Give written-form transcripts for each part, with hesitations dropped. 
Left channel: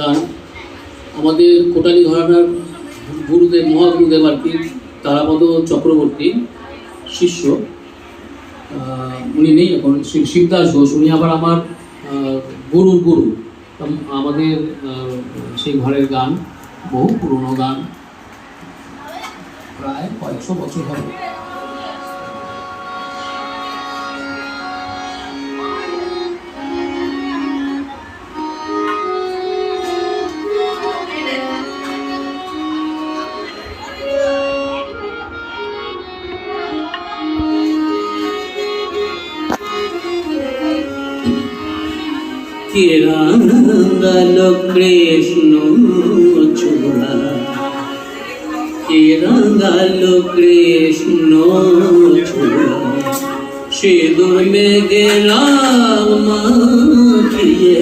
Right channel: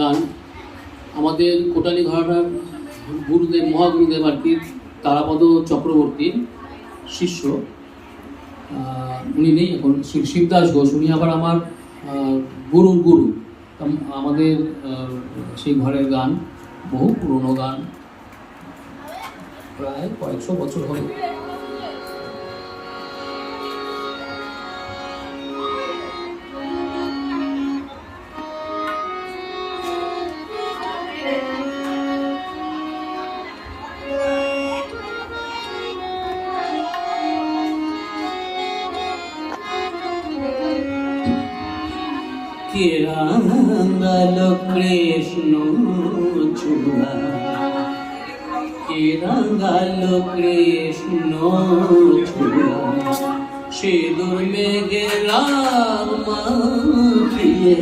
গান আমাদের কোটালী ঘরানার গুরুদেব মহাগুরুদেব আর কি তারাপদ চক্রবর্তী শিষ্য, উনি নেই এখন, শিবদাস ঘোষ, উনি আবার আমার গুরুর গুরু। আমাদের সেই ঘরের গান বহু পুরনো গান, প্রায় কয়েকশো বছর হবে। কে রাঙাল কৃষ্ণ চূড়া, কে রাঙাল কৃষ্ণ চূড়া, সিঁদুর মেঘে মাখিয়ে,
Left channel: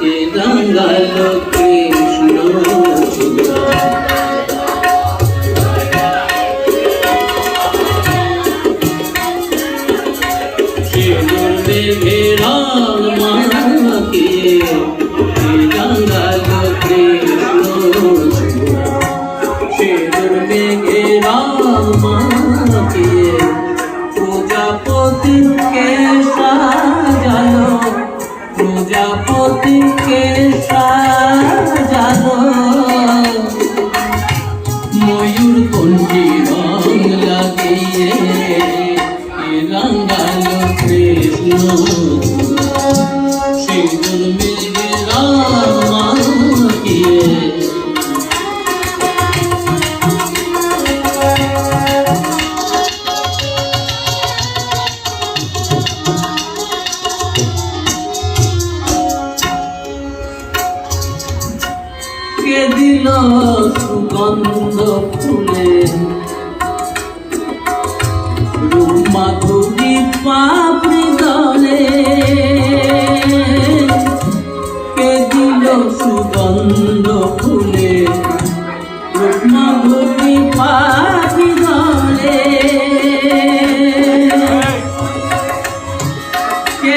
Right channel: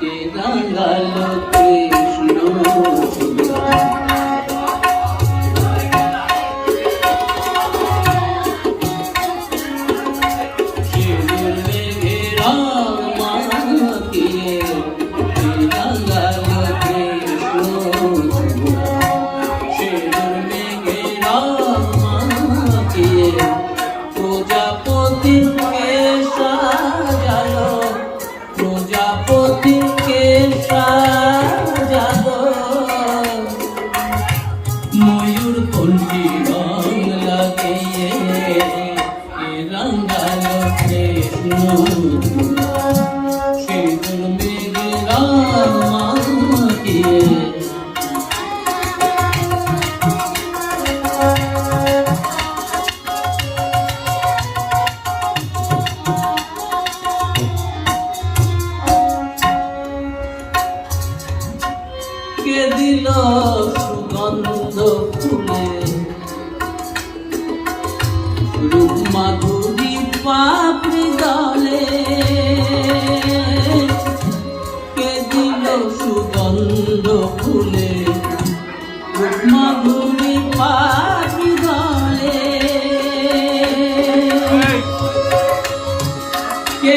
কে রাঙাল কৃষ্ণ চূড়া। সিঁদুর মেঘে প্রজাপতিকে সাজালো, ময়ূর কণ্ঠী রং লাগিয়ে রাঙালো কৃষ্ণ সিঁদুর মেঘে মাখিয়ে। কে দিল সুগন্ধ ফুলে রূপ মাধুরী পাপড়ি দলে, কে দিল সুগন্ধ ফুলে রূপ মাধুরী পাপড়ি দলে, কে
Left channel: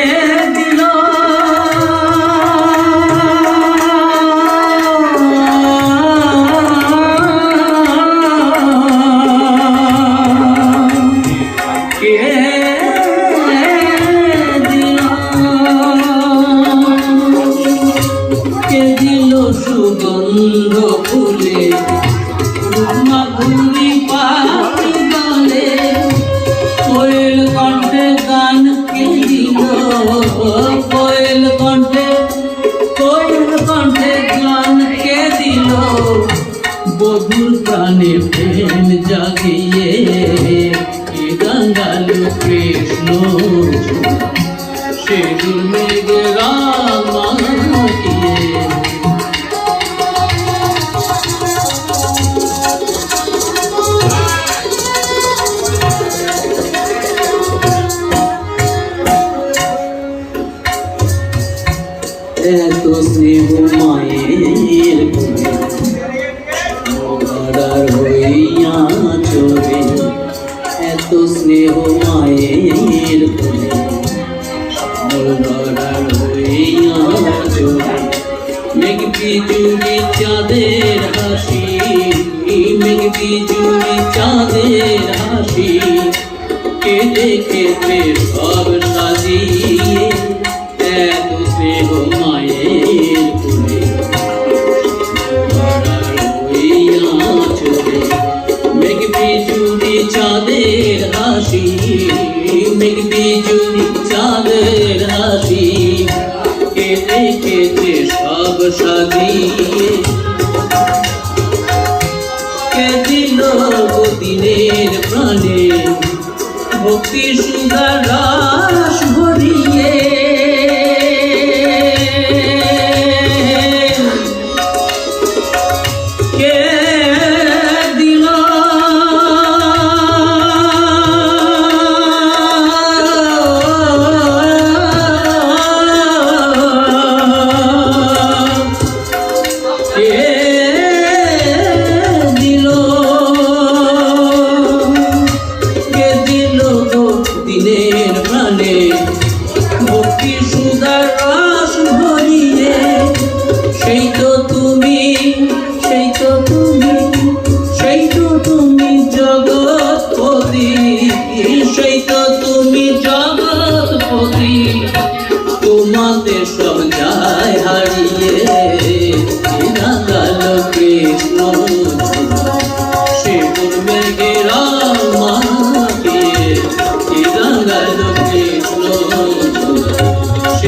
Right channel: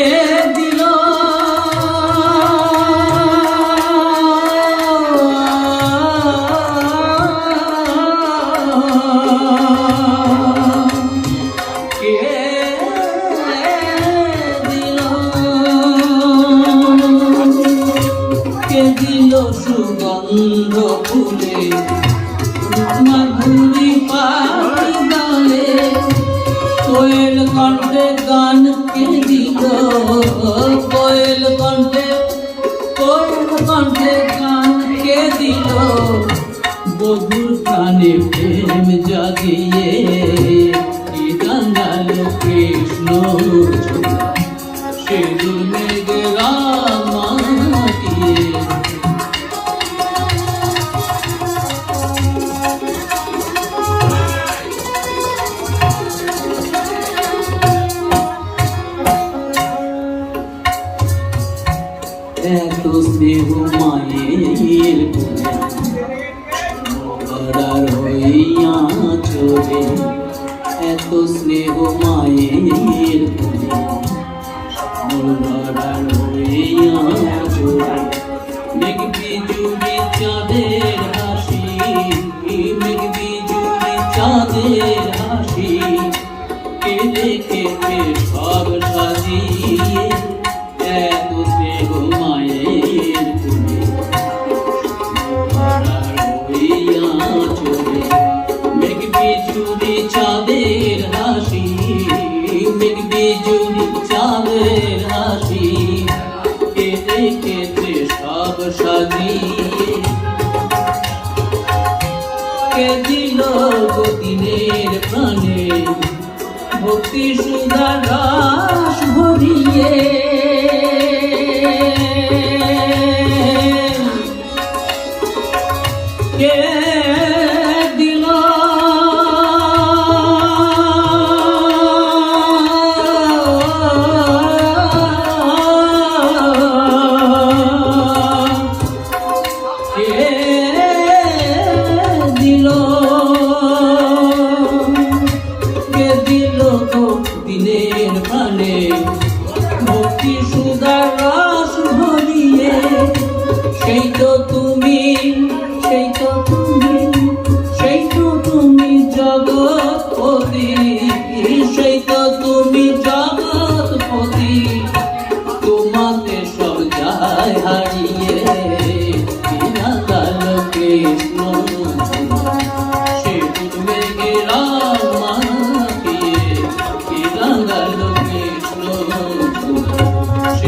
দিল সুগন্ধ ফুলে মাধুরী পাপড়ি দলে, কোয়েল কণ্ঠে গান কে দিল, কোয়েল কণ্ঠে গান কে দিল, বধুর প্রাণে প্রেম জাগিয়ে কে রাঙালো কৃষ্ণ চূড়া, সিঁদুর মেঘে মাখিয়ে। এত স্নেহ মায়ের কোলে মরার হইয়া চলে, এত স্নেহ মায়ের কোলে মরার হইয়া চলে, মেঘ বিজুলি চাঁদের হাসি, মেঘ বিজুলি চাঁদের হাসি, কে দেখেছে সব সাজিয়ে, এত স্নেহ মায়ের কোলে মরার হইয়া চলে, মেঘ বিজুলি চাঁদের হাসি, মেঘ বিজুলি চাঁদের হাসি, কে দেখেছে সব সাজিয়ে, কে দিল দিনের প্রাণে ভক্তি সুধা রাস ভরিয়ে, কে দিল দিনের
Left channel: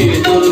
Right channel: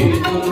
দোল